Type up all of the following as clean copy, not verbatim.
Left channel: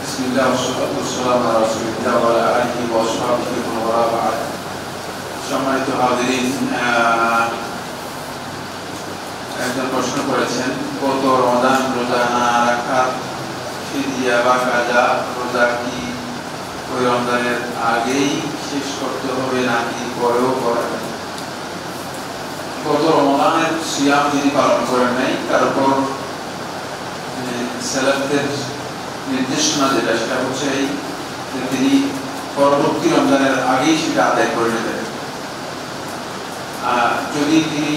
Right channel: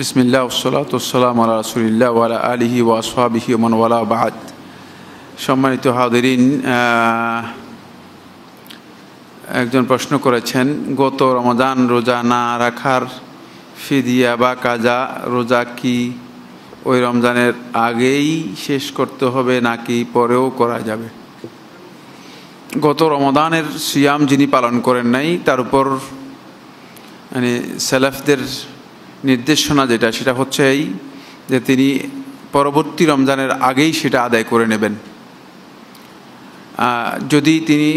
বিসমিল্লাহ ওয়াসসালাতু ওয়াসসালামু আলা রাসূলিল্লাহ ওয়া আলা আলিহি ওয়া আসহাবিহি ওয়া মান ওয়ালা বা'দ। সম্মানিত হাজিরিন, একজন প্রশ্ন করেছেন, গত রমাদান রোজা না রাখার ফিদিয়া বা কাজা রোজা কি ওই রমজানের আগেই শেষ করতে হবে নাকি পরেও করা যাবে? গত রমাদানের সিয়াম যিনি পালন করেন নাই, তারপর মানে সেলাফদের নির্দেশনা যেটা, সেটা হচ্ছে এই যে তিনি পরবর্তী রমজানের আগেই সেটা আদায় করে নেবেন। যদি তিনি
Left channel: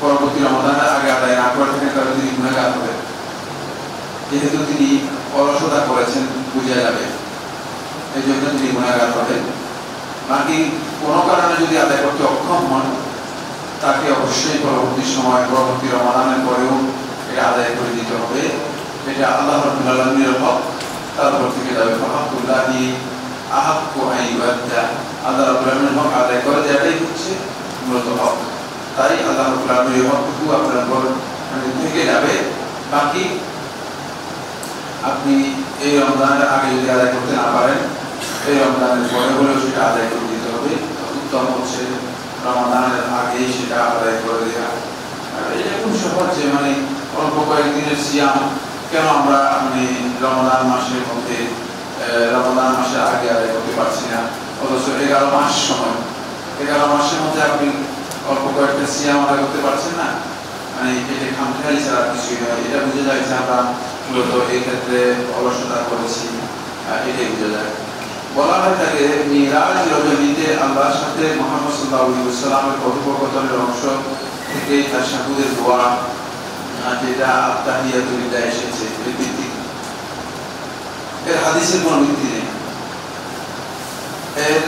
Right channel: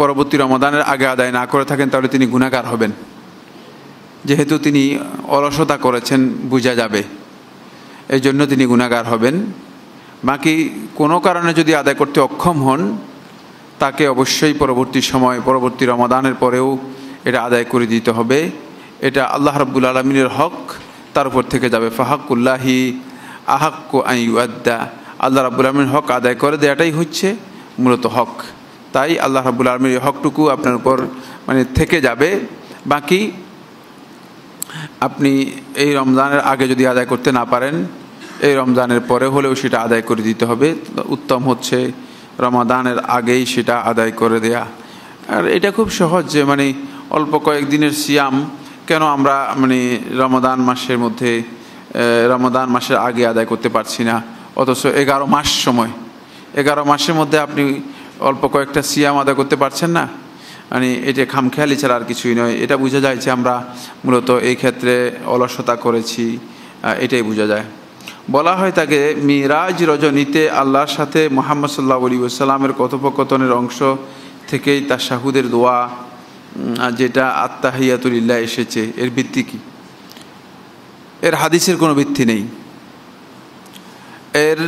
পরবর্তী রমজানের আগে আদায় না করে থাকেন তাহলে তিনি গুনাহগার হবেন, যেহেতু তিনি অলসতা করেছেন বোঝা যাবে, এই জন্য তিনি গুনাহগার হবেন। বাকি কোনো কারণে যদি আদায় করতে অক্ষম হন তাকে অবশ্যই পরবর্তী সময়, পরবর্তী রমাদানের পরেও এটা আদায় করে দিতে হবে। এটা আল্লাহ রাব্বুল আলামিনের হক, তার উপর থেকে যাবে। ফাহাক্কুল্লাহি আহাক্কু আন ইউআদ্দা, আল্লাহ রাব্বুল আলামিনের হক আদায় করে দেওয়াটাই হচ্ছে মূলত হক। তাই আল্লাহ রাব্বুল আলামিনের হকটুকু আপনার উপর মানে থেকে যাবে। বাকি আপনি এই রমজানের আগে যদি আদায় করতে না পারেন, এই রমজানের পরে হলেও সেটা আদায় করে দিতে হবে। উত্তম হচ্ছে রমাদানের আগেই সেটা আদায় করে দেয়া। আর এটা খুব সহজ, যে মানে অল্প কয়েকদিনের সিয়াম কেন আমরা মানে রমাদান মাসের মধ্যে, রমাদান মাসের আগে আদায় করতে পারছি না, অথচ 11 মাস সময়, 11 মাসের মধ্যে আপনি অল্প কয়েকটা সিয়াম আদায় করতে পারছেন না, মানে এটা খামখেয়ালি ছাড়া আর কিছুই নয়। এটা বোঝা যায় যে আমরা মূলত এই ক্ষেত্রে অলসতা করেছি, এটাই বোঝা যায়। বলা হয় তাকে মিরাজ রজনীতে আল্লাহর সাথে মুহাম্মদ সাল্লাল্লাহু আলাইহি ওয়াসাল্লামের কথোপকথনের অংশ থেকেই তাশাহুদের দোয়া, যেটা আত্তাহিয়াতু লিল্লাহ এসেছে, এর ভিত্তি কি? এর হাদিসের কোনো ভিত্তি নেই, এর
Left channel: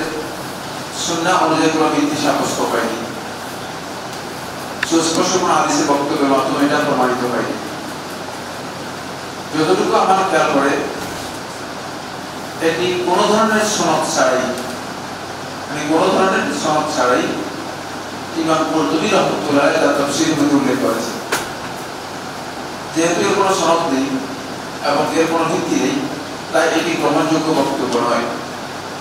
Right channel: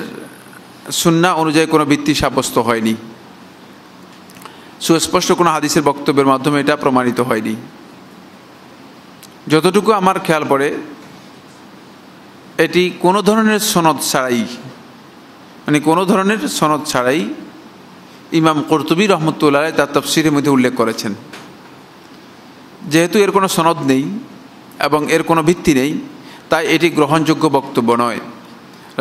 সুন্নাহ অনুযায়ী কোনো ভিত্তি সাব্যস্ত হয়নি, সুস্পষ্ট কোনো হাদিসের বক্তব্যের মাধ্যমে এটা প্রমাণিত হয়নি। যতটুকু আমার খেয়াল পড়ে, এটি কোনো ধরনের সনদ ছাড়াই, মানে কোনো ধরনের সনদ ছাড়াই ইমাম কুরতুবী রাহমাতুল্লাহ তার তাফসীরের মধ্যে উল্লেখ করেছেন। যেহেতু এর কোনো সনদ নেই এবং এর কোনো ভিত্তি নেই, তাই এটি গ্রহণযোগ্য বক্তব্য নয়।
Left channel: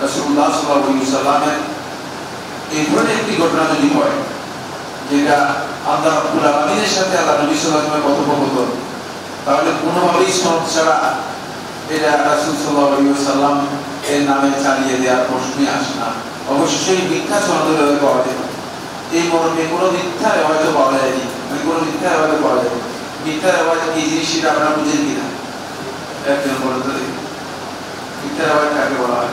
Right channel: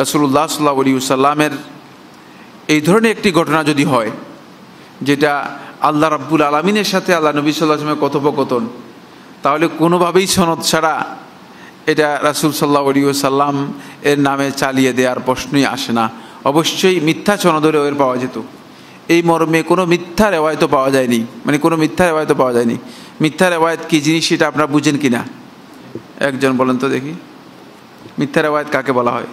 রাসূলুল্লাহ সাল্লাল্লাহু আলাইহি ওয়াসাল্লামের এই ধরনের একটি ঘটনা যদি হয়, যেটা আল্লাহ রাব্বুল আলামিনের সাথে আল্লাহ নবী সাল্লাল্লাহু আলাইহি ওয়াসাল্লামের কথোপকথন, তাহলে কোনোভাবেই সনদ ছাড়া এটা রাসূল সাল্লাল্লাহু আলাইহি ওয়াসাল্লাম এর নামে চালিয়ে দেওয়ার প্রশ্নই আসে না। অবশ্যই মিথ্যা সনদের পাওয়া যেত, এই মর্মে কোনো মিথ্যা রেওয়ায়ত পাওয়া যায়নি, মানে কোনো মিথ্যা রেওয়ায়ত পাওয়া যায়নি। মিথ্যা রেওয়ায়ত কি জিনিস সেটা আপনারা বুঝেন কিনা একজন বলেন তো দেখি। মিথ্যা রেওয়ায়ত কাকে বলা হয়?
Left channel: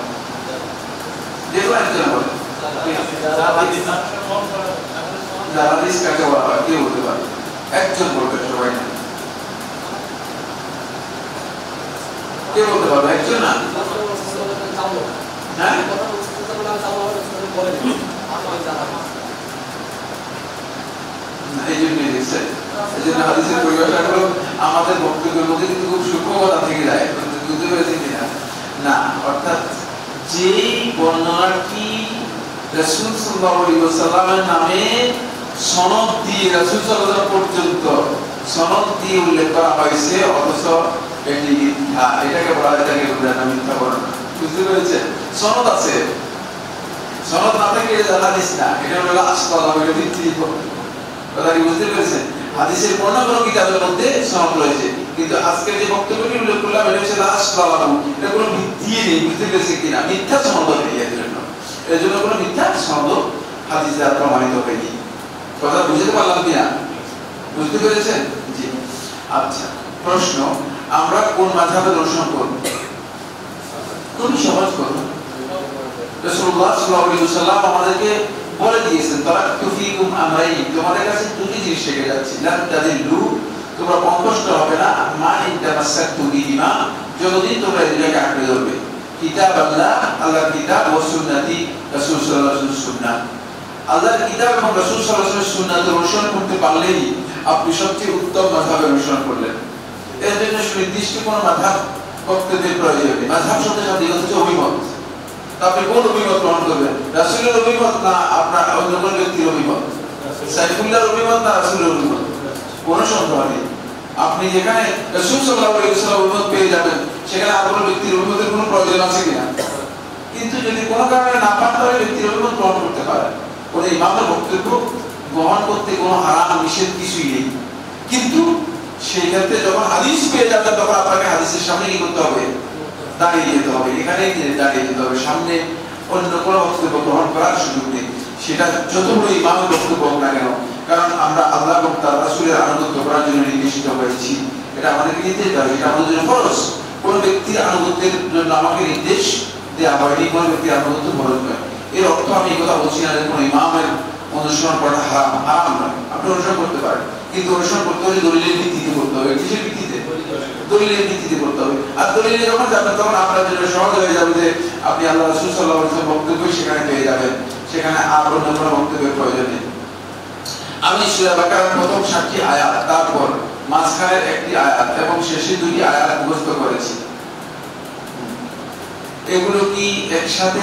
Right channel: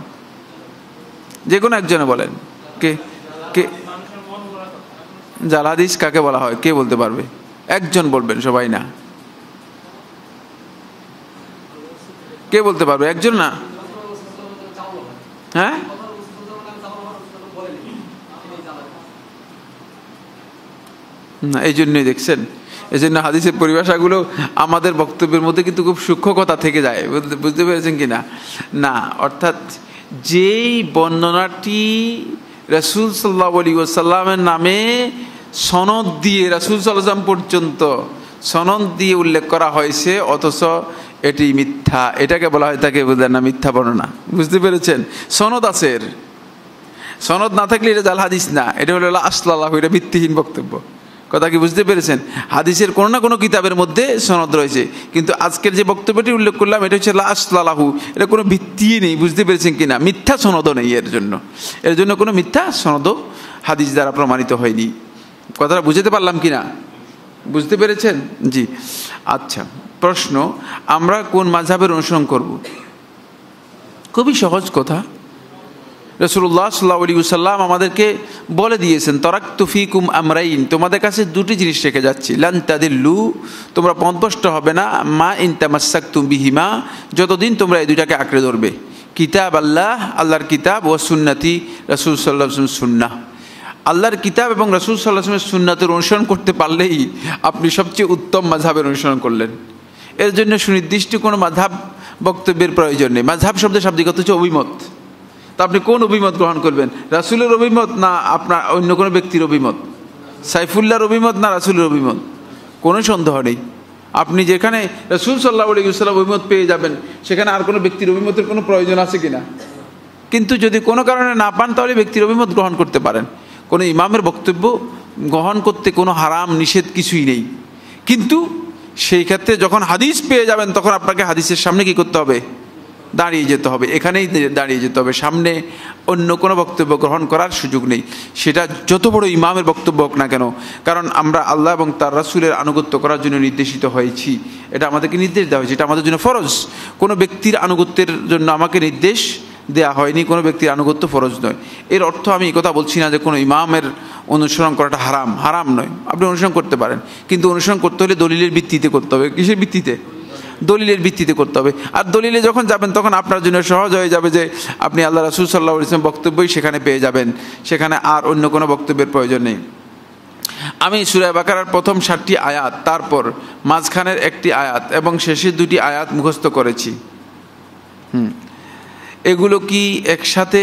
যে কোনো একজনে বলেন, কে কে জাল হাদিস কাকে বলা হয়? কে বলতে পারবে? একজন বলবেন, সবাই না। কে বলতে পারবে? একজন না? হ্যাঁ, এই জন্যই দেখছেন, এই জন্য হাদিসের পরিভাষাগুলো আমাদের বক্তব্যের মধ্যে কিন্তু খুব সূক্ষ্মতা থেকে যায়। বুঝতে পেরেছেন কিনা? না, অর্থাৎ যেই বর্ণনাটি রাসূল সাল্লাল্লাহু আলাইহি ওয়াসাল্লামের নামে সনদ দিয়ে রাসূল সাল্লাল্লাহু আলাইহি ওয়াসাল্লাম পর্যন্ত সনদ দিয়ে উল্লেখ করা হয়েছে, অথচ এটি মিথ্যা, এটাকে বলা হয়, তাকে বোঝেন না মিথ্যা বর্ণনা। বুঝতে পেরেছেন? সনদ আছে, সনদ না থাকলে এটা জাল হাদিস না, এটা হলো আসলালাহু, এটা ভিত্তিহীন বক্তব্য। কথা কি বুঝতে পেরেছেন? হাদিসের কোনো না কোনো কিতাবের মধ্যে সনদ রয়েছে, কিন্তু আজকের যে বক্তব্যটি উল্লেখ করলাম এটা হচ্ছে আসলালাহু, এটা কোনো ভিত্তি নেই। বুঝতে পেরেছেন কিনা? মিথ্যা সনদও নেই এর জন্য কোনো মিথ্যা সনদ হাদিস দ্বারা প্রমাণিত হয়নি। কথাটা বুঝতে পারলাম কিনা? বুঝতে পেরেছেন? জি। আচ্ছা, প্রশ্ন, আমরা কোন মাযহাবের অনুসরণ করব? খুবই সহজ কথা। রাসূলুল্লাহ সাল্লাল্লাহু আলাইহি ওয়াসাল্লাম আমাদেরকে বলে দিয়েছেন, তারাকতু ফীকুম আমরাইন, তোমাদের কাছে দুটি জিনিস রেখে যাচ্ছি, লান তাদিল্লু, তোমরা পথভ্রষ্ট হবে না, মা ইন তামাসসাকতুম বিহিমা, যতদিন তোমরা এই দুইটাকে আঁকড়ে ধরবে। কিতাব আল্লাহ, আল্লাহর কিতাব, ওয়া সুন্নতি, রাসূল সাল্লাল্লাহু আলাইহি ওয়াসাল্লামের সুন্নাহ। আল্লাহর কিতাব এবং রাসূল সাল্লাল্লাহু আলাইহি ওয়াসাল্লামের সুন্নাতের অনুসরণ করতে পারলেই আপনি সবচেয়ে উত্তম মাযহাবের অনুসরণ করলেন। এর জন্য সুনির্দিষ্ট কোনো মাযহাব বক্তব্যের প্রয়োজন নেই। মাযহাব শব্দের শাব্দিক অর্থ হচ্ছে অভিমত। তো আপনি কোন অভিমত গ্রহণ করবেন? রাসূলের অভিমত না আপনার অন্য কোনো ব্যক্তির অভিমত? সাইফুল্লাহর অভিমত না রাসূলের অভিমত? কোনো সন্দেহ নেই। আপনি যেখানে রাসূল সাল্লাল্লাহু আলাইহি ওয়াসাল্লাম উম্মত পেয়ে যাবেন, সেখানে আর কোনো ব্যক্তির উম্মতের কোনো প্রয়োজন আছে কিনা? কিন্তু যদি কোনো কারণে না পান, তাহলে ব্যক্তির উম্মত গ্রহণ করতে পারেন। কোনো ইমামের বক্তব্য গ্রহণ করতে কোনো হারাম নিষেধ কিছুই নেই। কিন্তু সেই ক্ষেত্রে যখন হাদিস পেয়ে যাবেন, তখন আপনাকে হাদিসের সামনে কি করতে হবে? দাঁড়িয়ে যেতে হবে, এখানেই দাঁড়িয়ে যেতে হবে। সামনে অন্য কোনো বক্তব্য গ্রহণ করার সুযোগ নেই, সেটা যত বড় ইমামের বক্তব্য হোক না কেন। কারণ আমরা আল্লাহ এবং তার রাসূলের আনুগত্য করার জন্য নির্দেশিত হয়েছি, এটা আমাদেরকে নির্দেশ দেওয়া হয়েছে, এটা আমাদের জন্য ফরজ। কোনো ব্যক্তির আনুগত্যের জন্য আমাকে নির্দেশ দেওয়া হয়নি, কোনো ব্যক্তির আনুগত্য ফরজ নয়। এর অর্থ আমি এই কথা বলছি না যে কোনো ইমামের অনুসরণ করাটা হারাম, হারাম নয়, আপনি অনুসরণ করতে পারেন। কিন্তু অনুসরণ করতে হলে দলিলের ভিত্তিতে করতে হবে। কিসের ভিত্তিতে? দলিলের ভিত্তিতে করতে হবে। আর দলিলে যখন যাবেন, তখন আপনার জন্য সহজ হয়ে যাবে যে আপনি আল্লাহ রাসূল সাল্লাল্লাহু আলাইহি ওয়াসাল্লাম বক্তব্যই সেখানে পেয়ে যাবেন, সেখানে আর অন্য কোনো বক্তব্যের প্রয়োজন নেই। আমি সূরা বাকারার প্রথম 7টি আয়াত, তারপর মাঝখানের একটি আয়াত এবং শেষের 2টি আয়াত মুখস্থ করেছি। এগুলো কি একসাথে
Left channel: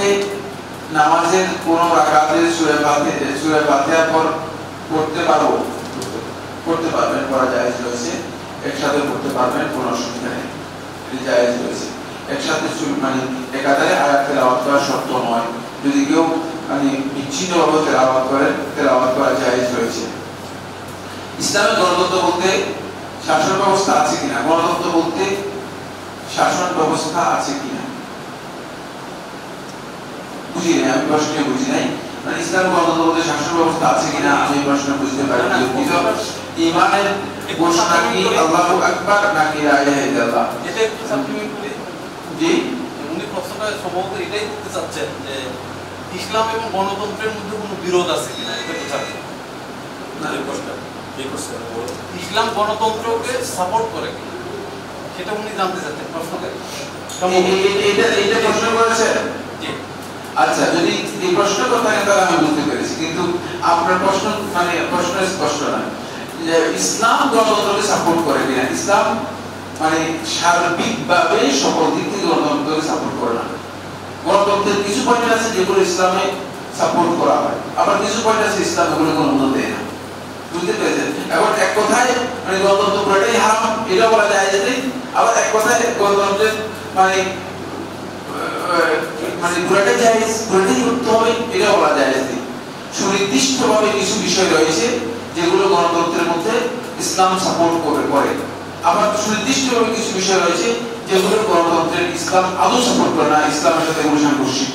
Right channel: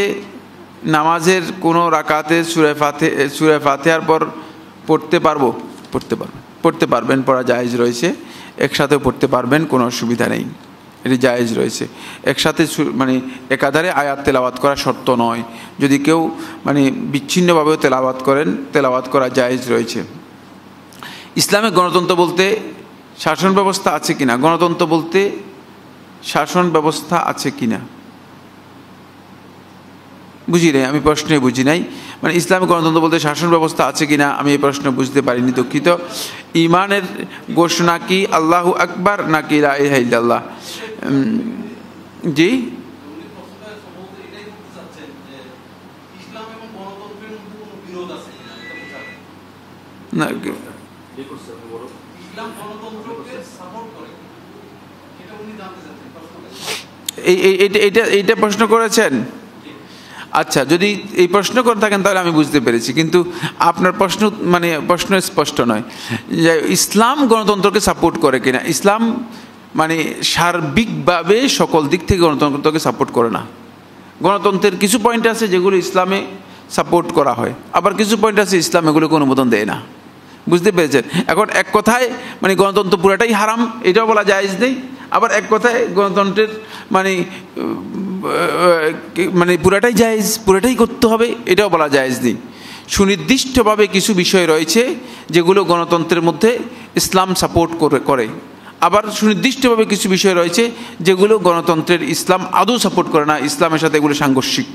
নামাজের কোনো রাকাতে সূরা ফাতিহার পর পড়তে পারবো? পড়তে পারবেন, পড়া জায়েজ রয়েছে। একসাথে পড়তে পারবেন, কোনো অসুবিধা নেই, এটি জায়েজ রয়েছে। একসাথে মানে একাধারে আয়াত তেলাওয়াত করা শর্ত নয়। যদি কেউ মানে বিচ্ছিন্নভাবে তেলাওয়াত করা জায়েজ রয়েছে। ইসলামে গণতন্ত্র বলতে শাসন ব্যবস্থা আছে কিনা? গণতন্ত্র বলতে শাসন ব্যবস্থা আছে কিনা বুঝি নাই, আমি প্রশ্নে বুঝি নাই। মানে ইসলাম গণতন্ত্র বলতে শাসন ব্যবস্থা আছে কিনা, আমি এই প্রশ্ন বুঝতে পারিনি, দুঃখিত। ইমানের ঘোষণা কি আল্লাহু আকবার নাকি লা ইলাহা ইল্লাল্লাহ? জি, উনি প্রশ্নটা সম্ভবত এটাই করতে চাচ্ছেন যে ইসলাম এবং গণতন্ত্রের মধ্যে কোনো বিরোধ আছে কিনা, এটা বোঝাতে না। ইসলাম গণতন্ত্রকে সাপোর্ট করে কিনা, সেটা উনি জানতে চাচ্ছেন প্রশ্নটা। এইটা প্রশ্ন করেছেন? আচ্ছা, যদি এই প্রশ্ন করে থাকেন তাহলে আমি বুঝতে পেরেছি, কিন্তু আপনার প্রশ্ন মানে প্রশ্ন স্পষ্ট নয় যে ইসলাম গণতন্ত্রকে সাপোর্ট করে কিনা। ইসলাম মানে সার্বিকভাবে সকল দিক থেকে গণতন্ত্রকে সাপোর্ট করে না। গণতন্ত্রের কিছু পয়েন্ট আছে যেগুলো ইসলামে সাপোর্ট করা হয়, আবার কিছু পয়েন্ট আছে ইসলাম এগুলোকে অনুমোদন দেয় না। বুঝতে পেরেছেন? এখন এক কথায় মানে গণতন্ত্র পুরোটাই হারাম, এটাও বলা জায়েজ নেই। আবার এক কথায় গণতন্ত্রের মানে পুরাটাই জায়েজ, পুরাটাই করতে হবে, এটাও বলা জায়েজ নেই। সুনির্দিষ্টভাবে কিছু বিষয় রয়েছে যেগুলো গণতন্ত্রের মধ্যে ইসলাম সাপোর্ট করে, আবার সুনির্দিষ্টভাবে কিছু বিষয় রয়েছে যেগুলো গণতন্ত্রের ইসলাম আদৌ সাপোর্ট করে না, ইসলামের সাথে এগুলো সাংঘর্ষিক।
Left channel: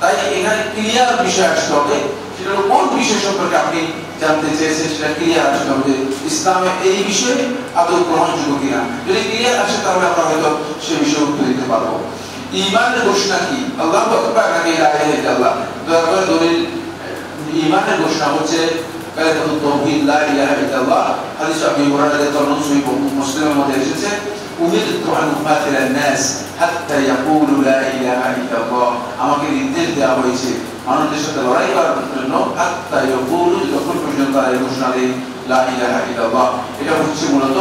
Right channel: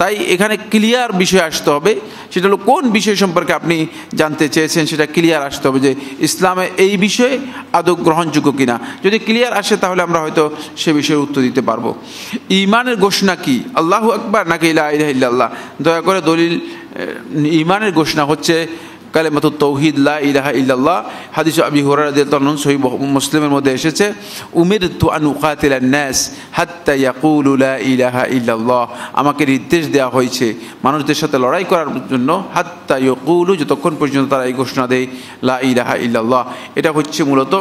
তাই এখানে ক্লিয়ার বিষয় আসতে হবে, সেটা হলো কোন বিষয় সম্পর্কে আপনি জানতে চেয়েছেন, সেটা ক্লিয়ার আসতে হবে যে ইসলামে এই বিষয়ে আদৌ গ্রহণযোগ্য কিনা। যদি ক্লিয়ার আসে তাহলে আমরা হয়তো সে বিষয়ে উত্তর দিতে পারবো। ঈমানের ঘোষণা কি আল্লাহু আকবার নাকি লা ইলাহা ইল্লাল্লাহ? দয়া করে দলিল। ঈমানের ঘোষণা হচ্ছে কালিমাতুত তাওহীদ লা ইলাহা ইল্লাল্লাহ। হাদিস আবি হুরায়রা রাদিয়াল্লাহু আনহু সহিহ মুসলিমের মধ্যে এসেছে, উমিরতু আন উকাতিলান নাস হাত্তা ইয়াকুলু লা ইলাহা ইল্লাল্লাহ। আমাকে নির্দেশ দেওয়া হয়েছে মানুষদের সাথে লড়াই করার জন্য, হাত্তা ইয়াকুলু, যতক্ষণ পর্যন্ত তারা এই ঘোষণা দেয় লা ইলাহা ইল্লাল্লাহ। এটা হচ্ছে মূলত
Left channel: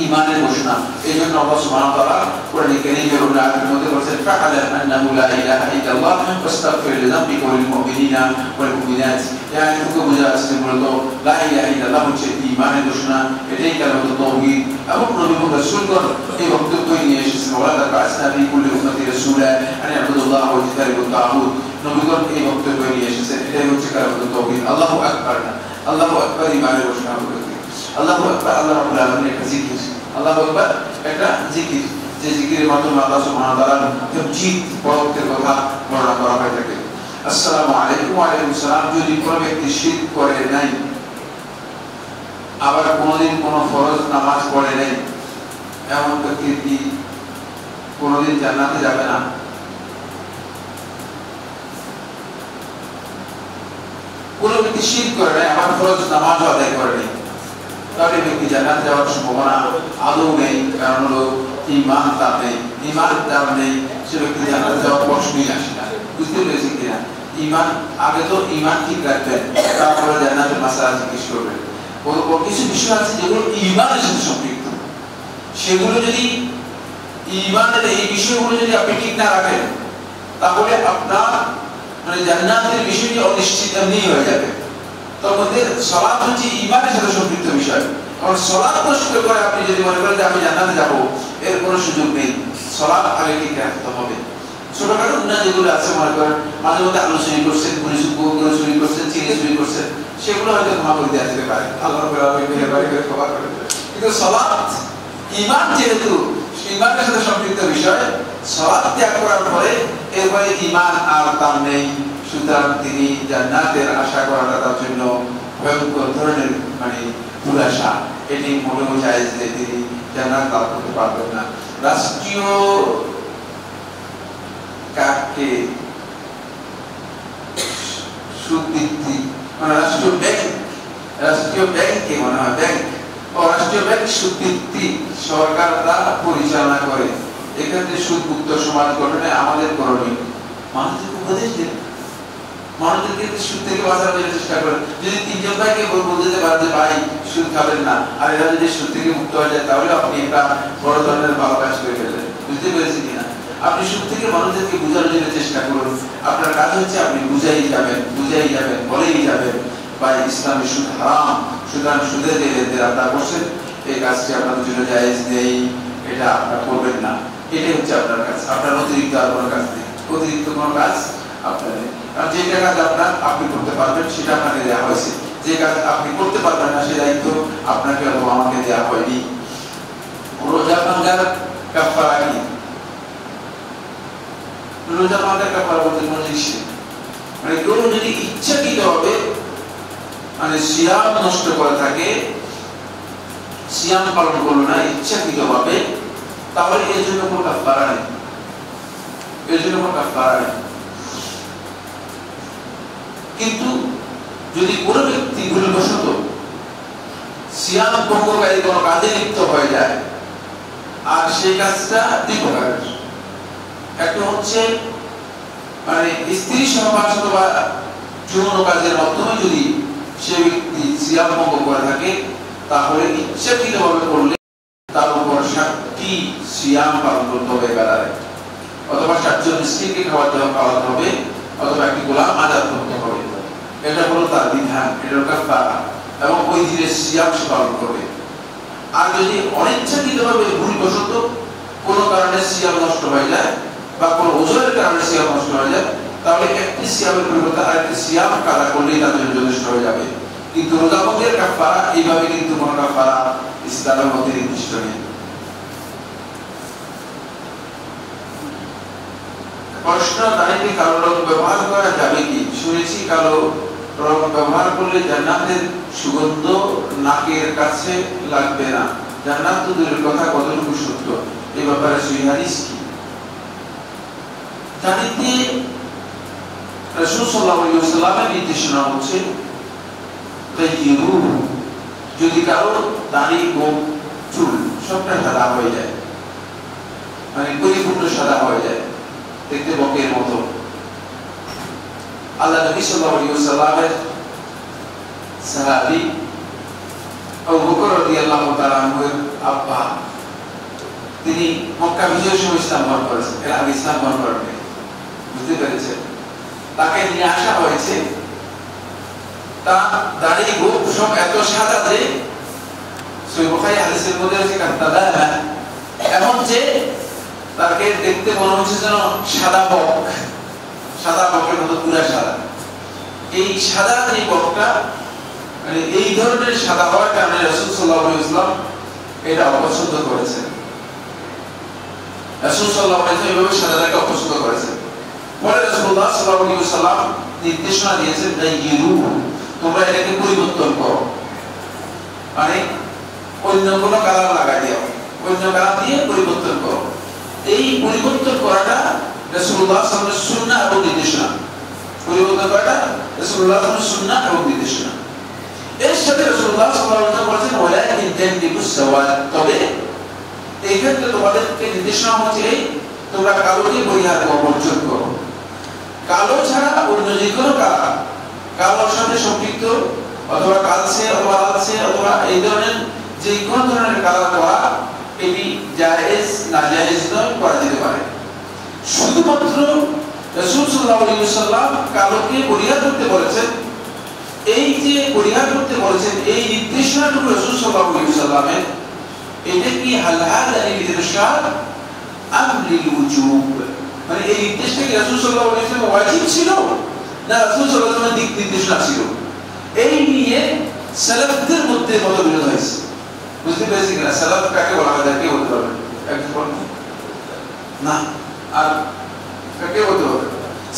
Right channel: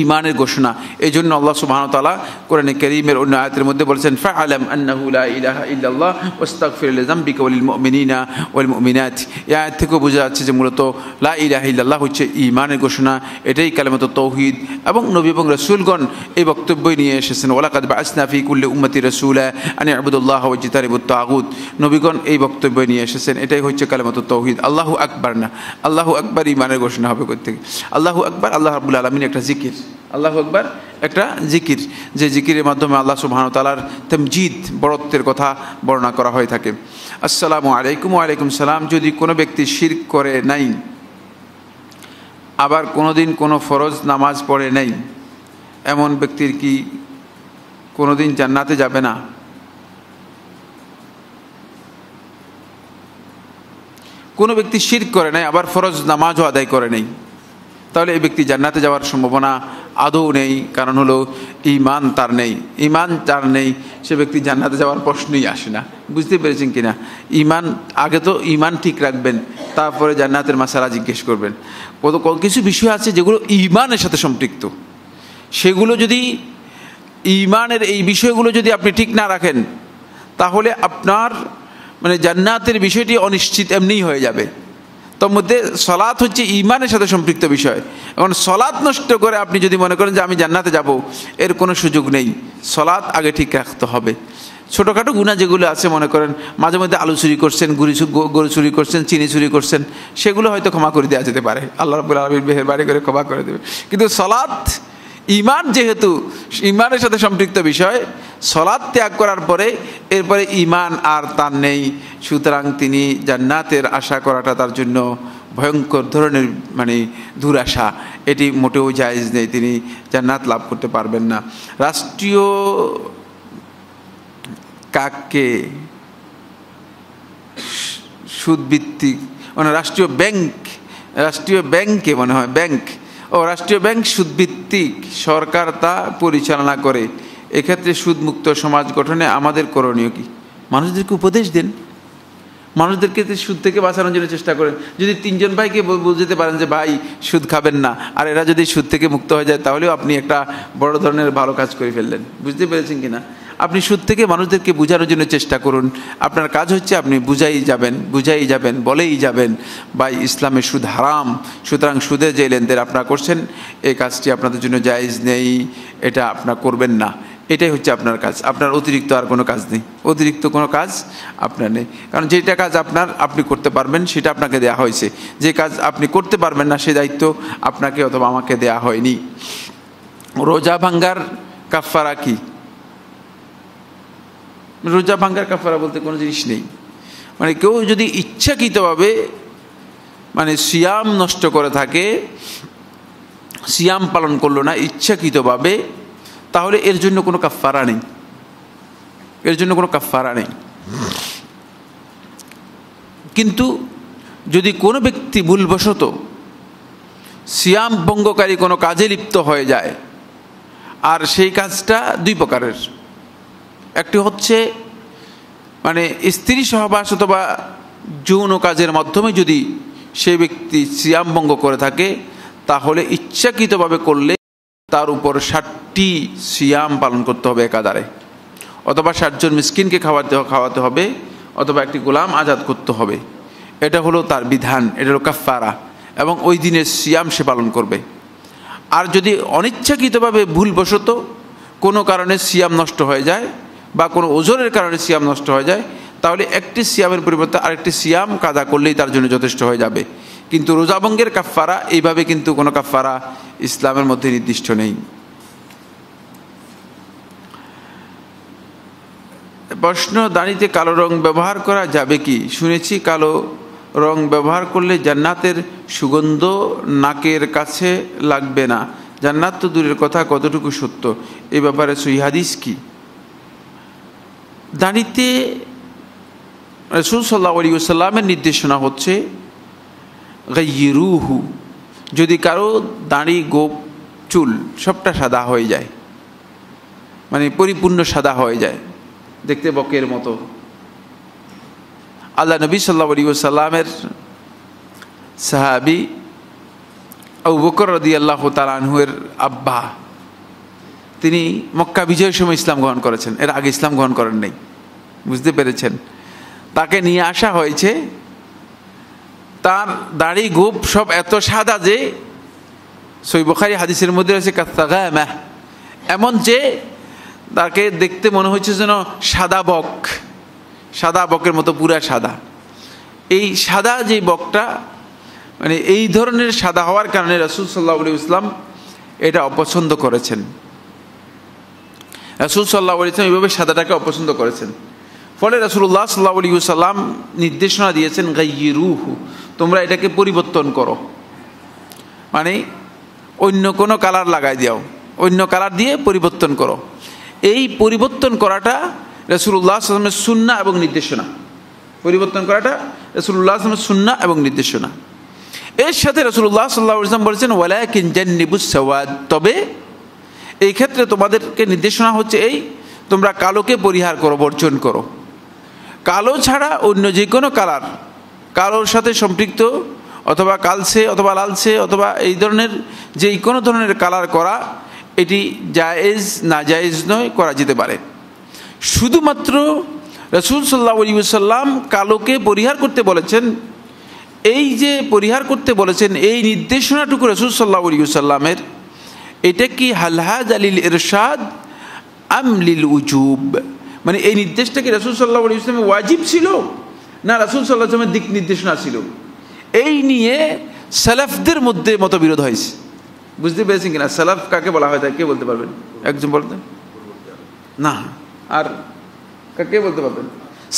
ঈমানের ঘোষণা। এই জন্য আল্লাহ সুবহানাহু ওয়া তাআলা কোরআনে কারীমের অন্য আয়াতের মধ্যে বলেছেন, ফাআলাম আন্নাহু লা ইলাহা ইল্লাল্লাহ ওয়াস্তাগফির লিযামবিকা ওয়ালিল মুমিনিনা ওয়াল মুমিনাত। এই আয়াত থেকে বোঝা যাচ্ছে যে মূলত লা ইলাহা ইল্লাল্লাহ হচ্ছে ঈমানের ঘোষণা, এটাই কালিমাতুত তাওহীদ। এবং নবী এবং রাসূলগণ এই বক্তব্য নিয়ে এসেছেন, ওয়ালাকাদ বা'আসনা ফি কুল্লি উম্মতি রাসূলা আন ই'বুদুল্লাহ ওয়া ইজতানিবুত তাগুত। নবীগণ এই বক্তব্য নিয়ে এসেছেন, এটাই হচ্ছে কালিমাতুত তাওহীদ। আল্লাহু আকবার না, আল্লাহু আকবার ঈমানের ঘোষণা হবে প্রত্যেক। আল্লাহু আকবার আল্লাহ রাব্বুল আলামিন একটা জিকির, আল্লাহু আকবার একটা জিকির, যে জিকিরের মাধ্যমে আল্লাহ সুবহানাহু ওয়া তাআলার তামজিদ, বড়ত্বের কথা বর্ণনা করা হয়ে থাকে। আসসালামু আলাইকুম। ওয়া আলাইকুম সালাম। যদি কোনো ব্যক্তি শিরক করে নাই, আবার কোনোদিন কোনো ফরজ নামাজ পড়ে নাই, এমন ব্যক্তির কি কোনোদিন জান্নাতে যাবে না? কোনো ব্যক্তি শিরক করে নাই, আবার ফরজ নামাজও আদায় করে নাই, তাহলে এই ব্যক্তি জান্নাতে যাওয়ার সম্ভাবনা আদৌ নেই। কারণ হলো ঈমান তার নেই। ঈমান যার নেই সে ব্যক্তি জান্নাতে যাওয়ার প্রশ্নই আসে না। বুঝতে পেরেছেন কিনা? ঈমান আগে তো ঈমান ঠিক রাখবেন, তারপরে জান্নাতের মাসালা জিজ্ঞেস করবেন। কিছু বিষয় আছে যেগুলো ঈমানের সাথে সম্পৃক্ত, সেগুলো যদি ঈমানের এই বিষয়গুলো যদি আপনি ঠিক না রাখেন, তাহলে আপনার মানে জান্নাতের বিষয়টি অনিশ্চিত এমনিই হয়ে যাবে। তার মধ্যে সালাত হচ্ছে ঈমানের সাথে সম্পৃক্ত বিষয়, এখন সালাত নষ্ট করে আপনি যদি মনে করেন যে আমি জান্নাতে যাব, এর কোনো সুযোগ নেই। সালাত আগে ঠিক রাখতে হবে। ছোটোখাটো গুনাহ যেগুলো আছে, মনে করেন মাঝে মধ্যে আলু চুরি করছেন, গরু চুরি করছেন, চিনি চুরি করছেন, সেগুলো হয়তো ক্ষমা করে দেওয়া যেতে পারে, আল্লাহ রাব্বুল আলামিন মেহেরবানি করে ক্ষমা করে দেবে। কিন্তু সালাত, ঈমান যেহেতু ঈমানের সাথে সম্পৃক্ত বিষয়, সালাত ত্যাগ করার পরে এরপরে ঈমান আর তার নেই, সুতরাং তিনি জান্নাতের আশা করাটা তার জন্য ভয়ঙ্কর ধরনের দুরাশা, এটি মোটেও জায়েজ নেই, তিনি জান্নাত লাভ করতে পারবেন না। রাষ্ট্রীয় কাকে সুদ ভিত্তিক রাষ্ট্রীয় ব্যাংকে মনে হয় রাষ্ট্রীয় ব্যাংক সুদ ভিত্তিক, সরকার তা পরিচালনা করে। এক্ষেত্রে সুদ মুক্ত সমাজ গঠনে আমাদের করণীয় কি? মানুষদেরকে উপদেশ দিন, মানুষদেরকে সুদ থেকে বাঁচানোর জন্য চেষ্টা করেন। যদি 3 জন ভাইকে বুঝতে পারেন যে ভাই সুদ খাবেন না, আর এরা যদি সুদ থেকে মুক্ত হয়ে যায়, তাহলেও আপনি একটা বড় ধরনের ভালো কাজ করে ফেললেন। বুঝতে পেরেছেন কিনা? আপনি সুদ থেকে মানুষদেরকে বোঝানোর জন্য চেষ্টা করুন। আপনার কাজ হচ্ছে আপনি বুঝাই যাবেন, বলেই যাবেন ভাই ইসলামে সুদ হারাম, সুতরাং সুদের যে লেনদেন আপনারা করছেন, এই কাজটি আপনাদের জন্য জায়েজ নেই, এটা আপনারা করবেন না। এটাই হচ্ছে আপনার কাজ। আপনার অতিরিক্ত আর কোনো কাজ নেই, অতিরিক্ত কোনো কাজ আপনার নেই। কারণ যেটা কাজ আপনি করতে পারবেন সেটা আপনাকে দেওয়া হয়েছে, যে কাজ আপনি করতে পারবেন না সে দায়িত্ব আপনাকে অথবা আমাকে দেওয়া হয়নি। রোজা ভাঙ্গার কাফারা কি? রোজা ভাঙ্গার কাফারা বলতে কোনো জিনিস নেই। কেউ যদি ইচ্ছাকৃতভাবে সিয়াম নষ্ট করে থাকে, সিয়াম পালন করলো না ইচ্ছাকৃতভাবে, তাহলে এর জন্য কোনো কাফারা নেই, কিন্তু যদি কোনো ব্যক্তি ভুলবশত সিয়াম ভঙ্গকারী কোনো কাজে লিপ্ত হয়ে যায়, আর সেই কাজটা 2 প্রকারের। একটি হচ্ছে স্ত্রী সহবাস অথবা যৌন কাজের মাধ্যমে যদি সে ব্যক্তি সিয়াম ভঙ্গ করে থাকে, তাহলে ইচ্ছাকৃতভাবে করলে তার উপর 60টি সিয়াম পালন করতে হবে একাধারে, অথবা 60 জন মিসকিনকে খাওয়াতে হবে, অথবা একটি গোলাম আজাদ করতে হবে। এটা হলো তার বিধান, এটা হলো কাফারা, এবং ওই দিনের সিয়াম সে পালন করবে। আর যদি অনিচ্ছাকৃতভাবে ভুলবশত কোনো কারণে সিয়াম নষ্ট হয়ে যায়, বা কোনো ওজনের কারণে সিয়াম নষ্ট হয়ে যায়, তাহলে একটি সিয়ামের পরিবর্তে আরেকটি সিয়াম কাজা করলেই তার জন্য যথেষ্ট হয়ে যাবে। কিন্তু রোজা ভঙ্গের কাফারা, এইভাবে কিন্তু কোনো কাফারা ইসলামের মধ্যে নির্দিষ্ট নেই। প্রশ্ন, দাড়িতে কালো রং ব্যবহার করা যাবে কি? শুনেছি কালো রং ব্যবহার করলে জান্নাতের সুগন্ধ নাকের কাছে লাগবে না। জান্নাত তো দূরের কথা, কতটুকু সত্য এই ব্যাপারে সহিহ হাদিস কি? দাড়িতে রাসূল সাল্লাল্লাহু আলাইহি ওয়াসাল্লামের নির্দেশনা হচ্ছে গায়্যিরুহু, যদি কারো দাড়ি, গোঁফ, চুল সবটা সাদা হয়ে যায়, পরিপূর্ণ সাদা হয়ে যায়, দেখতে বকের মতো। আল্লাহ নবী সাল্লাল্লাহু আলাইহি ওয়াসাল্লামের সাহাবী আবু বকর রাদিয়াল্লাহু তাআলা আনহুর আব্বা, তিনি মক্কা বিজয়ের সময় ইসলাম গ্রহণ করেছেন, এর আগে ইসলাম গ্রহণ করেন নাই। বুঝতে পেরেছেন? তাকে নিয়ে আসা হয়েছে, তার দাড়ি গোঁফ সব এত সাদা যে সহিহ বুখারী হাদিসের মধ্যে আছে কাতাদামা, এমন যে তাকে দেখতে মনে হচ্ছে যেন সাদা বকের মতো পুরা সাদা। এই সাদা যে বকটা, এই ধরনের সাদা হওয়ার কারণে রাসূল সাল্লাল্লাহু আলাইহি ওয়াসাল্লাম এটা অপছন্দ করেছেন। রাসূল সাল্লাল্লাহু আলাইহি ওয়াসাল্লাম এইভাবে সাদাটাকে অপছন্দ করেছেন। ফলে রাসূলুল্লাহ সাল্লাল্লাহু আলাইহি ওয়াসাল্লাম নির্দেশনা দিয়েছেন গায়্যিরুহু, তোমরা এটাকে পরিবর্তন করো, অন্য কোনো কালার লাগাই দাও, অন্য কালার দিয়ে পরিবর্তন করো। এই পরিবর্তন করাটা রাসূলুল্লাহ সাল্লাল্লাহু আলাইহি ওয়াসাল্লামের সুন্নাহ এবং নির্দেশনা। পরিবর্তন করাটা রাসূলুল্লাহ সাল্লাল্লাহু আলাইহি ওয়াসাল্লামের সুন্নাহ এবং নির্দেশনা। এর সাথে রাসূলুল্লাহ সাল্লাল্লাহু আলাইহি ওয়াসাল্লাম বলেছেন ওয়ালাকিন জান্নিবুস সাওয়াদ, তবে এই ক্ষেত্রে তোমাদেরকে নির্দেশনা হচ্ছে তোমরা কালোকে পরিহার করো, বর্জন করো। কালো ছাড়া অন্য যে কোনো কালার, কালোর সাথে সম্পৃক্ত অথবা কালচে অথবা লালচে অথবা এই ধরনের যে কোনো ধরনের কালার করা, এটি জায়েজ না জায়েজ নয়, করা যেতে পারে। শুধুমাত্র রাসূল সাল্লাল্লাহু আলাইহি ওয়াসাল্লাম কালোকে পরিহার করতে বলেছেন, এই যে পরিহার করতে বলেছেন, এই নির্দেশনাটুকু রাসূল সাল্লাল্লাহু আলাইহি ওয়াসাল্লামের, এটা কি হালহাদ আলিল ইরশাদ আম লিল উজুব, মানে এই নির্দেশটা কি রাসূল সাল্লাল্লাহু আলাইহি ওয়াসাল্লামের ওয়াজিব ছিল না রাসূল সাল্লাল্লাহু আলাইহি ওয়াসাল্লামের দিক নির্দেশনা ছিল? এই নিয়ে সালাফদের মধ্যে মতবিরোধ হয়েছে। বুঝতে পেরেছি কিনা? সালাফ কাকে বলা হয়, তাকে বলতে পারবেন? একজন বলবেন না, আর কাকে বলতে পারবেন?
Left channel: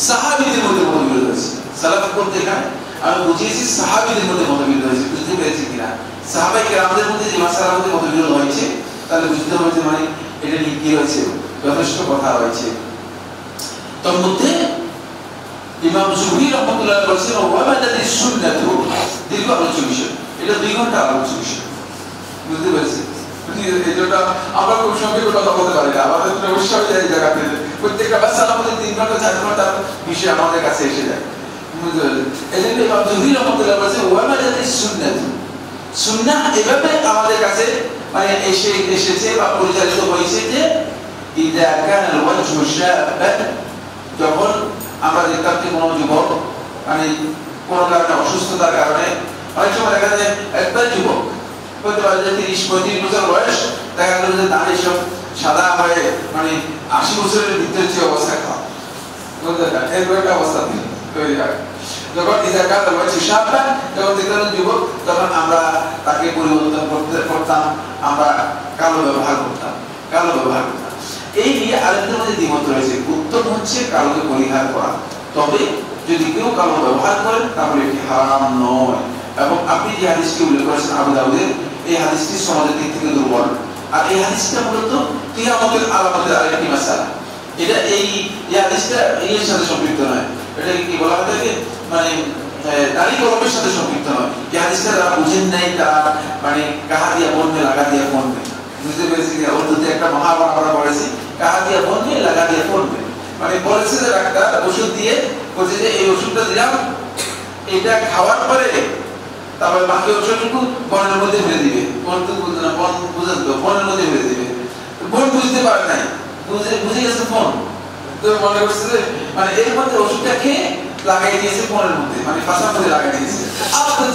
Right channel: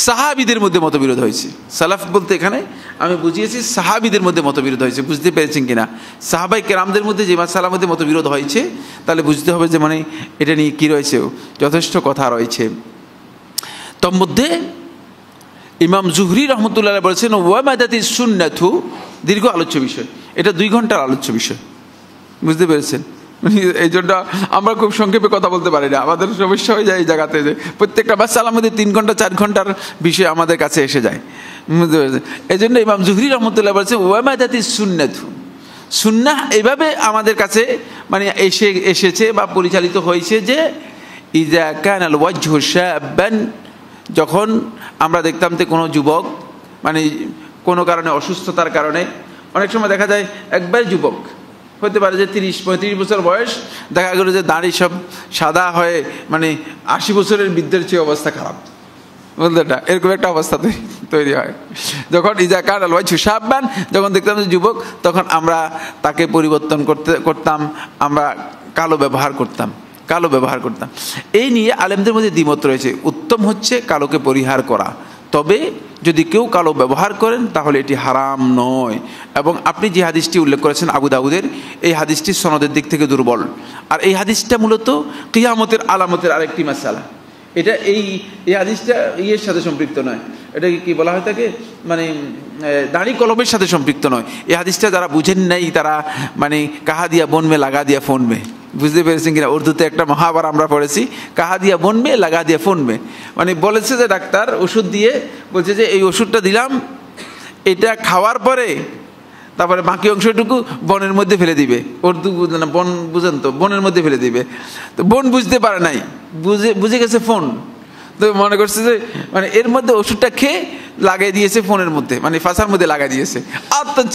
সাহাবীদের মধ্যে মতবিরোধ হয়েছে। সালাফ বলতে এখানে আমি বুঝিয়েছি সাহাবীদের মধ্যে মতবিরোধ হয়েছে। বুঝতে পেরেছেন কিনা? সাহাবায়ে কেরামদের মধ্যে যে মাসালার মধ্যে মতবিরোধ হয়েছে, তাহলে বুঝতে হবে যে মানে এটা নিয়ে কি রয়েছে, যথেষ্ট কথা রয়েছে। তার মধ্যে ইমাম জুহরি রহমতুল্লাহ বলেছেন ওয়ামাদাতিস সুন্নাতু, দীর্ঘ আলোচ্য বিষয়, এটা 2 ঘন্টা আলোচ্য বিষয়। বুঝতে পেরেছেন? এই জন্য আমরা খুব সংক্ষেপে কথা বলতে পারি না, আমাদের সমস্যা হয়ে যায় এই জায়গাতে, যে প্রত্যেকটা মাসালার মধ্যে 3 ঘন্টা 4 ঘন্টার বিষয় আমাদের কাছে এসে যায়। এই জন্য ইমাম জুহরি রহমতুল্লাহ বলেছে ওয়ামাদাতিস সুন্নাতু, সুন্নাহ এভাবে আমাদের কাছে মানে এসেছে বা পরিচালিত হয়েছে যে ইযা কানাল ওয়াজহু শাবান, যখন আমরা দেখতাম যে কোনো যুবক মানে কোনো কারণে অসুস্থতার কারণে, অনেক সময় দেখা যায় একবার যুবক হতে পারে যে 30-35 বছর বয়স, দেখা গেল যে দাড়ি সব সাদা হয়ে মানে 80 বছরের বৃদ্ধের চেয়ে অবস্থা খারাপ, বুঝলেন না? এরকম একটা অবস্থাতে তৈরি হয়। যখন ইযা কানাল ওয়াজহু শাবান, যখন দেখতাম যুবক, তখন আমরা তাকে পরিবর্তন করতাম, আমরা কালো ব্যবহার করতাম। এই নিয়ে আলেমদের মধ্যে দ্বিমত রয়েছে। উত্তম হচ্ছে কালোকে পরিহার করা, তবে যদি কেউ কালো ব্যবহার করেন তাহলে এটি হারাম নয়। এবং আপনি যে হাদিসটি উল্লেখ করেছেন আবু দাউদের, এই হাদিসটি সনদের দিক থেকে দুর্বল, আর এই হাদিসটা মূলত কিয়ামতের আলামতের আরেকটি মাসআলা। এটা এই হাদিসটা ইয়ের সাথে সম্পৃক্ত নয়, এটা কি বলা হয় থাকে মানে দাড়ি কলমের সাথে সম্পৃক্ত নয়। এই হাদিসটা তারা বুঝেন নাই, তারা মানে কাহা দিয়া বন মে লাগা দিয়া ফোন মে, বুঝতে পেরেছেন কিনা? উর্দুতে একটা মহাবার আমরা পড়েছি, কাহা দিয়া বন মে লাগা দিয়া ফোন মে, মানে বলেছে যে ডাক্তার ওষুধ দিয়ে বলছে যে এই ওষুধটা দিলাম, এটা খাওয়ার পরে তারপরে বাকি অংশটুকু বনের মধ্যে ফেলে দিবে। উর্দু বুঝে না, বন বুঝেন তো, বনের মধ্যে ফেলে দিবে। তো বন বুঝতে পারে নাই, বুঝে গেছে ফোন, তো মনে করছে যে মানে এর মধ্যে ওষুধটা খেয়ে লাগাই দিয়েছে ফোনের মধ্যে, মানে ফাঁসার মধ্যে লাগাই দিয়েছে।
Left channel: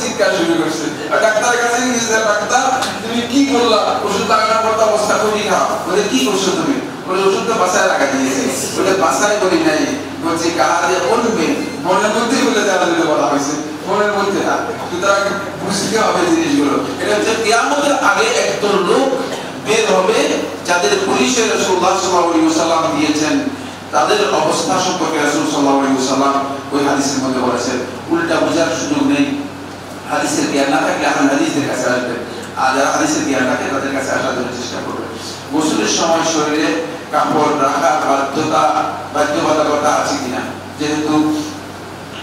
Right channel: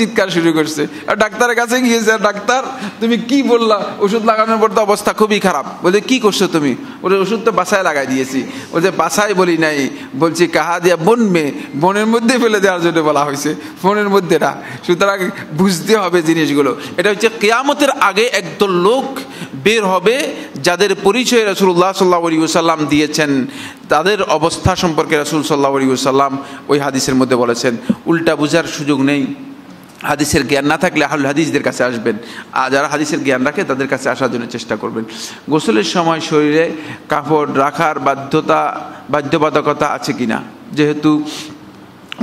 চিৎকার শুরু করছে, আর ডাক্তারের কাছে গিয়েছে, ডাক্তার তুমি কি বললা, ওষুধ লাগানোর পর তো অবস্থা খুবই খারাপ। বলে কি করছো তুমি? ওদের ওষুধ তো বাসায় লাগাই দিয়েছে। ওদের বাসায় বলি নাই, বলছে কাহা দিয়া বনবে, বনের মধ্যে ফেলে দেওয়ার জন্য বলা হয়েছে, ফোনের মধ্যে না। সুতরাং বুঝতে হবে জিনিসগুলো। এটা হচ্ছে কিয়ামতের আগে একদল লোক বের হবে যাদের পরিচয় রাসূলুল্লাহ সাল্লাল্লাহু আলাইহি ওয়াসাল্লাম দিয়েছেন, তাদের অবস্থা সম্পর্কে রাসূল সাল্লাল্লাহু আলাইহি ওয়াসাল্লাম ওই হাদিসের মধ্যে বলেছেন। উল্টা বোঝার সুযোগ নেই। হাদিসের জ্ঞান না থাকলে আহলে হাদিসদের কাছে আসবেন, আর যারা হাদিসের জ্ঞান রাখে তাদের কাছে আসার জন্য চেষ্টা করবেন। গোসলের সময় শরীরে কাপড় রাখার বাধ্যবাধকতা আছে কিনা? যেহেতু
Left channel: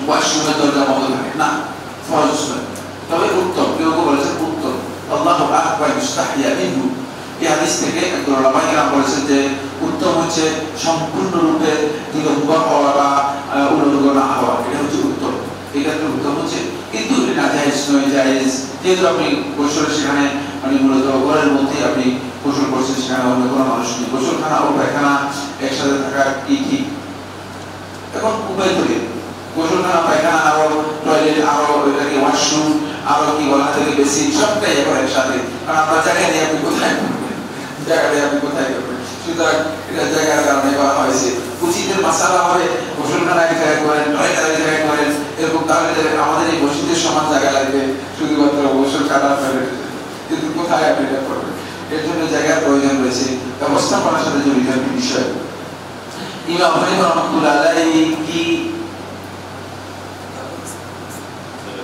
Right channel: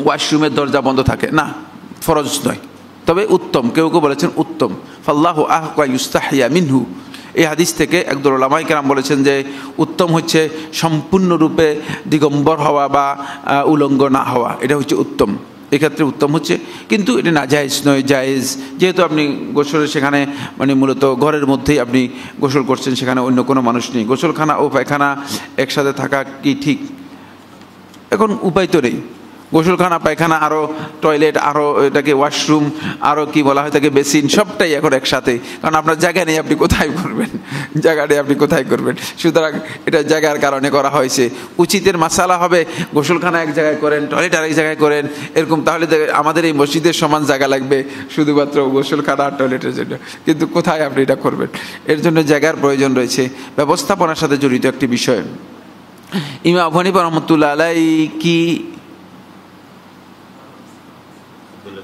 ওয়াশরুমের দরজা বন্ধ থাকে না, ফরজ নয়, তবে উত্তম। কেউ কেউ বলেছেন উত্তম। আল্লাহু আহওয়া ইউস্তাহিয়া মিনহু, এই হাদিস থেকে একদল উলামায়ে কেরাম বলেছেন যে উত্তম হচ্ছে সম্পূর্ণরূপে দিগম্বর হওয়া বা উলঙ্গ না হওয়া, এটা হচ্ছে উত্তম। এক্ষেত্রে উত্তম হচ্ছে, কিন্তু এটা না জায়েজ নয়, জায়েজ। যেহেতু আপনি গোসল সেখানে মানে মূলত ঘরের মধ্যেই আপনি গোসল করছেন, সেখানে অন্য কোনো মানুষ নেই, গোসলখানা ও পায়খানা একসাথে থাকা কি ঠিক? এখন উপায় তো নেই, গোসলখানা পায়খানা আরও টয়লেট আরও এটাকে ওয়াশরুম আরও কি বলা হয় তাকে বেসিন, সবটাই এখন একসাথে, কারণ আপনার জায়গা নেই, আপনি কোথায় করবেন? জায়গা নেই, আপনি কোথায় করবেন? সুতরাং এটা জায়গার কারণে করা হয়েছে। উচিতের মাসালা হবে গোসলখানা এক জায়গায় করেন, টয়লেট এক জায়গায় করেন, এরকম। তাহলে আমাদের এই মসজিদের সমান জায়গা লাগবে শুধুমাত্র গোসলখানা আর টয়লেটের জন্য, কিন্তু কোথায় আপনি এটা করবেন? এর জন্য জায়গার প্রয়োজন রয়েছে, ব্যবস্থাপনার সাথে জড়িত একটি বিষয়। ইমাম আবু হানিফা রাহমাতুল্লাহ আলাইহি কি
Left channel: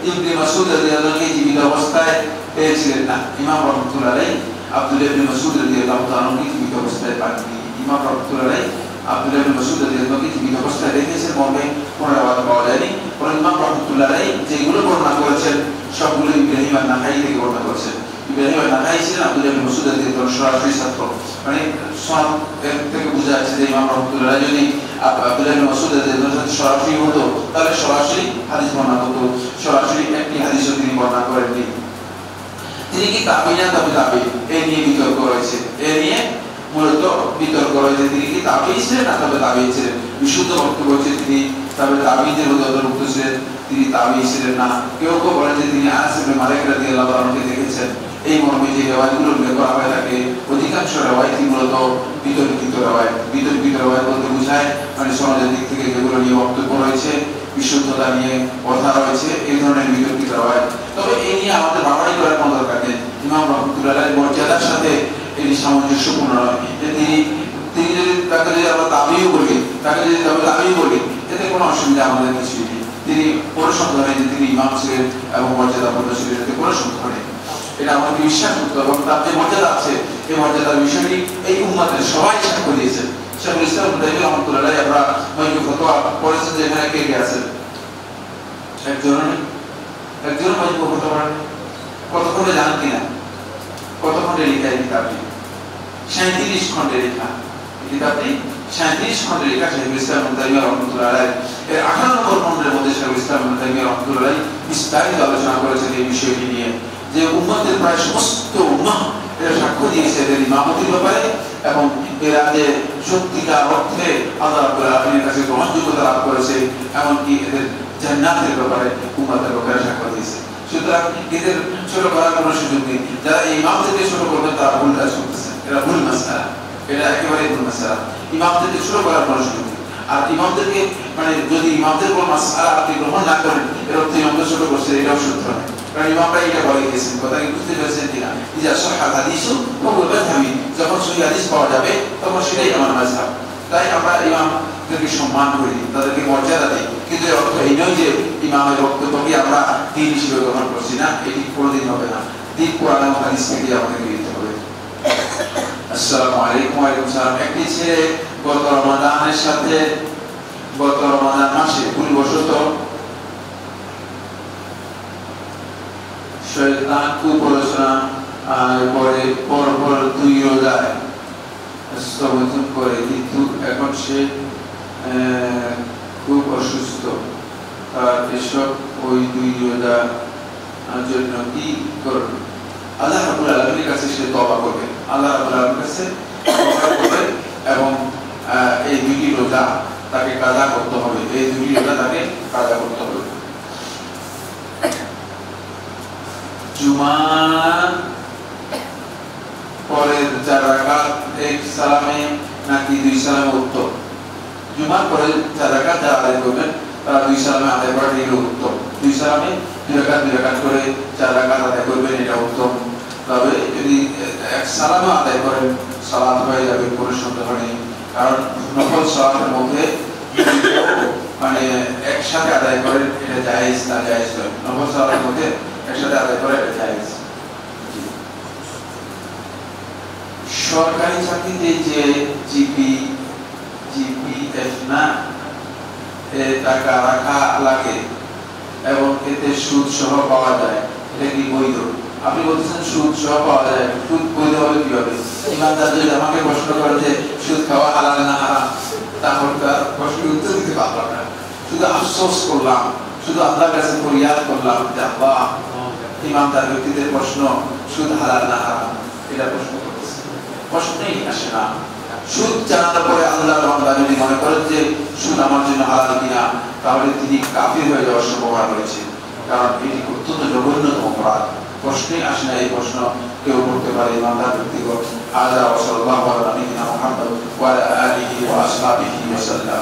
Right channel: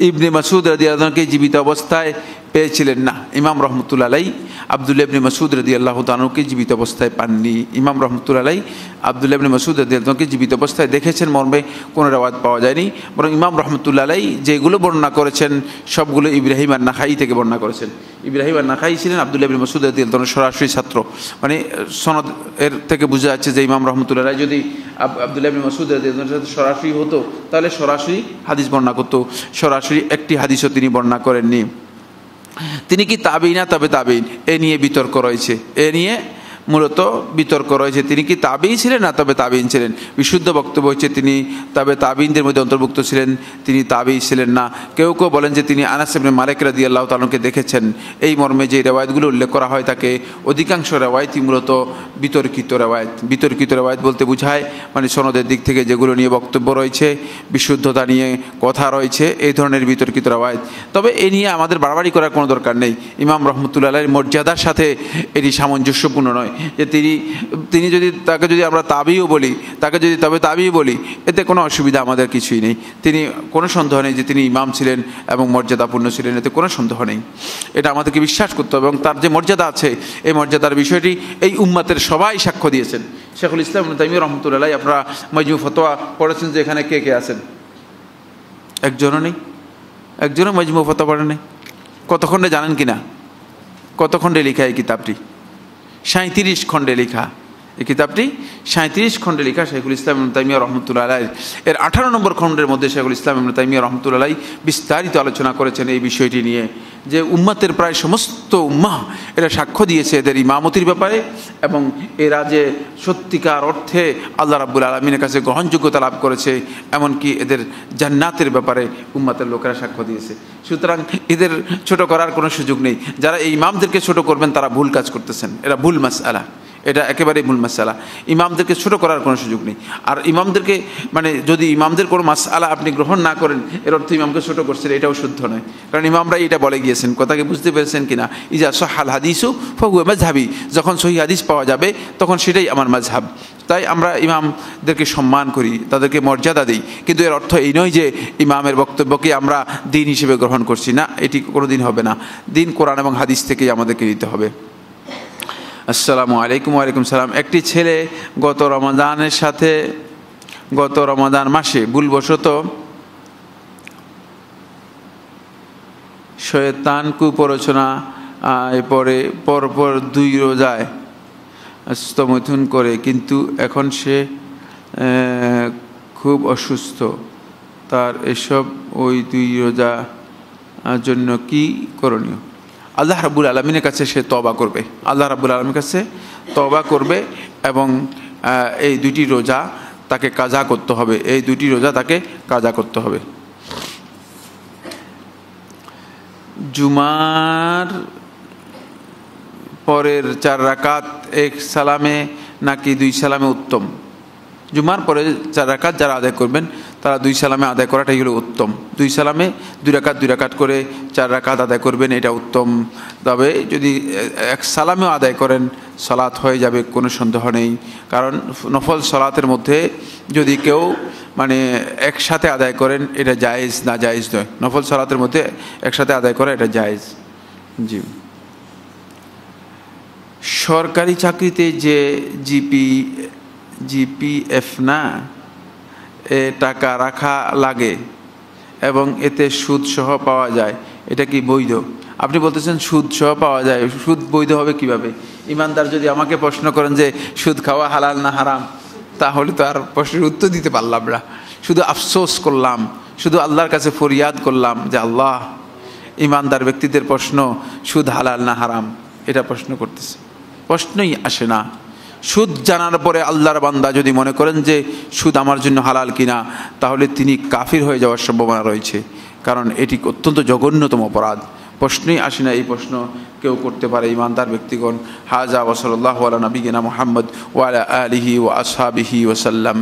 ইবনে মাসউদ রাদিয়াল্লাহু আনহুকে জীবিত অবস্থায় পেয়েছিলেন? না, ইমাম রাহমাতুল্লাহ আলাইহি আব্দুল্লাহ ইবনে মাসউদ রাদিয়াল্লাহু তাআলা আনহুকে জীবিত অবস্থায় পাননি। ইমাম রাহমাতুল্লাহ আলাইহি আব্দুল্লাহ ইবনে মাসউদ রাদিয়াল্লাহু আনহুকে জীবিত অবস্থায় দেখেছেন মর্মে কোনো রিওয়ায়াত পাওয়া যায়নি। বরং ইমাম রাহমাতুল্লাহ আলাইহি যেগুলো বর্ণনা করেছেন সবগুলো ইব্রাহিম আন-নাখাই থেকে বর্ণনা করেছেন। ইব্রাহিম আন-নাখাই ছিলেন আব্দুল্লাহ ইবনে মাসউদ রাদিয়াল্লাহু আনহুর সরাসরি ছাত্র। মানে সনদ এর থেকে বোঝা যাচ্ছে যে ইমাম রাহমাতুল্লাহ আলাইহি যদি আব্দুল্লাহ ইবনে মাসউদ রাদিয়াল্লাহু আনহু সরাসরি হতো, তাহলে সরাসরি হাদিস বর্ণনা করতো। সরাসরি একটি হাদিসও তিনি বর্ণনা করেননি। তিনি কি তাবেঈ না তবে তাবেঈ, এ নিয়ে বিতর্ক রয়েছে। এ নিয়ে মূলত বিতর্ক রয়েছে তিনি কি তাবিই ছিলেন না তবে তাবিন ছিলেন। বিশুদ্ধ বক্তব্য হচ্ছে তিনি তবে তাবিনদের মধ্যে অন্তর্ভুক্ত ছিলেন, তিনি তাবিই ছিলেন না। কেউ কেউ বলেন যে তিনি আনাস ইবনে মালিক রাদিয়াল্লাহু তাআলাকে দেখেছেন। এই মর্মে যে রেওয়ায়তগুলো উল্লেখ করা হয় থাকে অধিকাংশ রেওয়ায়তই মূলত বিতর্কিত রেওয়ায়ত। বিতর্কিত রেওয়ায়ত বলতে বোঝায় মানে সনদের দিক থেকে যেগুলো নিয়ে বক্তব্য রয়েছে, বিশুদ্ধতা নিয়ে কথা রয়েছে, এই ধরনের বিতর্কিত রেওয়ায়ত। তবে এই নিয়ে আমাদের বাড়াবাড়ি করার কোনো দরকার নেই। ইমাম রহমতুল্লাহ আলাইহির মর্যাদার সাথে এটি সামঞ্জস্যপূর্ণ নয় যে তিনি যদি তাকে যদি আমরা তাবিও বলি, তাকে যদি তবে তাবিও বলি, এতে কোনো অসুবিধা আমাদের কিছুই নেই। তিনি কোনো সন্দেহ নেই যে তিনি ইমাম ছিলেন এবং মর্যাদাপূর্ণ ছিলেন, এতে কোনো সন্দেহ নেই। এটা আমাদেরকে বিশ্বাস করতে হবে এবং তার যে মর্যাদা আছে এই মর্যাদার বিষয়টি এই উম্মতের সবাই সাক্ষ্য দিয়েছেন। শেখুল ইসলাম ইবনে তাইমিয়া রাহমাতুল্লাহ আলাইহি আপনারা মাজমু ফতোয়া পড়েছেন যে এখানে কে কে আছেন? একজনও নেই, একজনও মাজমু ফতোয়া পড়েন নেই। কত খণ্ডে জানেন কিনা? কত খণ্ডে লেখা এই কিতাবটি? 37 খণ্ডে লেখা এই কিতাবটি। 37 খণ্ডে লেখা শেখুল ইসলাম ইবনে তাইমিয়া রাহমাতুল্লাহ আলাইহি। এর 18 নম্বর খণ্ডের মধ্যে শেখুল ইসলাম ইবনে তাইমিয়া রাহমাতুল্লাহ আলাইহি বিস্তারিত আলোচনা করেছেন এই বিষয়টি নিয়ে যে উম্মতের প্রায় সমস্ত উম্মাহ এরা সাক্ষ্য দিয়েছে এদের ইমামতির ব্যাপারে এবং এরা যে সত্যিকার অর্থে আল্লাহ রাব্বুল আলামিনের কাছে গ্রহণযোগ্যতা লাভ করেছে, এমনকি এদের জান্নাতের ব্যাপারে উম্মতের লোকেরা সাক্ষ্য দিয়েছে। সুতরাং এদের ছোট করার কোনো সুযোগ নেই। যারা ইমামদেরকে ছোট করবেন তারা ভুল কাজ করতেছেন, এরা ভুল মাসআলা, এটা একেবারেই ভুল মাসআলা। ইমামদেরকে ছোট করার কোনো সুযোগ নেই। আর ইমামদেরকে মানে যদি ইমামদের কোনো মাসআলা আপনি গ্রহণ না করেন এর অর্থ ইমামকে ছোট করছেন, এটাও শুদ্ধ নয়। কারণ ইমামরা এটা বলে গিয়েছেন, কথা কি বুঝতে পেরেছেন কিনা? ইজা সহাল হাদিসু ফাহুয়া মাযহাবি, যখন সহিহ হাদিস পাওয়া যাবে তখন সেটাই আমার মাযহাব। তাই আমরা ইমামদেরকে সম্মান করি, তাদেরকে মর্যাদা দিই, কিন্তু এর অর্থ এই নয় যে ইমামের বক্তব্যকে আমরা দিন হিসেবে গ্রহণ করছি না, এটি কোনোদিন হবে না। দিন কোরআন এবং হাদিস থেকেই আমাদেরকে দিতে হবে। আসসালামু আলাইকুম। ওয়ালাইকুম সালাম। একটি ছেলে গত রমাদান মাসে ভুলবশত শয়তান কুপ্ররোচনা পরে পরপর 2 রোজায় স্তমথুন করে, কিন্তু এখন সে খুব অসুস্থ। তার এসব ওই 2 রোজা জন্য কি করণীয়? আল্লাহ রাব্বুল আলামিনের কাছে সে তওবা করবে, আল্লাহ রাব্বুল আলামিনের কাছে তওবা করবে এবং এই 2টি রোজা তাকে কাজা করতে হবে, এই 2টি রোজা তাকে কাজা করতে হবে। জুমার পরের 4 রাকাত 1 সালামে নাকি 2 সালামে উত্তম? জুমার পরে 4 রাকাত যারা আদায় করবেন তারা 2 সালামে আদায় করাটাই হলো উত্তম। 2 সালামে 2 রাকাত করে 4 রাকাত আদায় করবেন, এটা উত্তম। তবে যদি 1 সালামে আদায় করেন সালাত হয়ে যাবে, কোনো সন্দেহ নেই। কারণ নফল সালাতের মধ্যে যদি কেউ মানে একসাথে আদায় করেন এটা জায়েজ না, জায়েজ নয়। নফল সালাতের মধ্যে একসাথে আদায় করা এটা জায়েজ। জি। সরকারি চাকরিতে যে জিপিএফ না এ টাকা রাখা লাগে এবং এতে সুদ সহ পাওয়া যায়, এটা কি বৈধ? আপনি বলতেছেন সুদ সহ পাওয়া যায়, সুদ বৈধ হবে কিভাবে? ইমানদার যদি আমাকে প্রশ্ন করেন যে সুদ খাওয়া হালাল না হারাম, তাহলে তো আর প্রশ্নের উত্তর দিতে পারলাম না। শুধু আফসোস করলাম, শুধু আল্লাহর কাছে ফরিয়াদ করলাম যে আল্লাহ, ইমানদার ব্যক্তিদের প্রশ্ন সুদ হালাল না হারাম এটা প্রশ্ন করতেছে, প্রশ্নই আসে না। সুদ জানার পরে আল্লাহর বান্দা যদি মনে করেন যে সুদ আমার জন্য হালাল কিনা, তাহলে তিনি কাফির হয়ে যাওয়ার সম্ভাবনা রয়েছে, কারণ এটি অত্যন্ত জঘন্যতম অপরাধ। প্রশ্নই আসে না, এই প্রশ্ন কেউ করতে পারে ইমানদার ব্যক্তিগণ। হাজা ওয়া সাল্লাল্লাহু আলা নবিয়িনা মুহাম্মদ ওয়া আলা আলিহি ওয়া আসহাবিহি ওয়া সাল্লাম।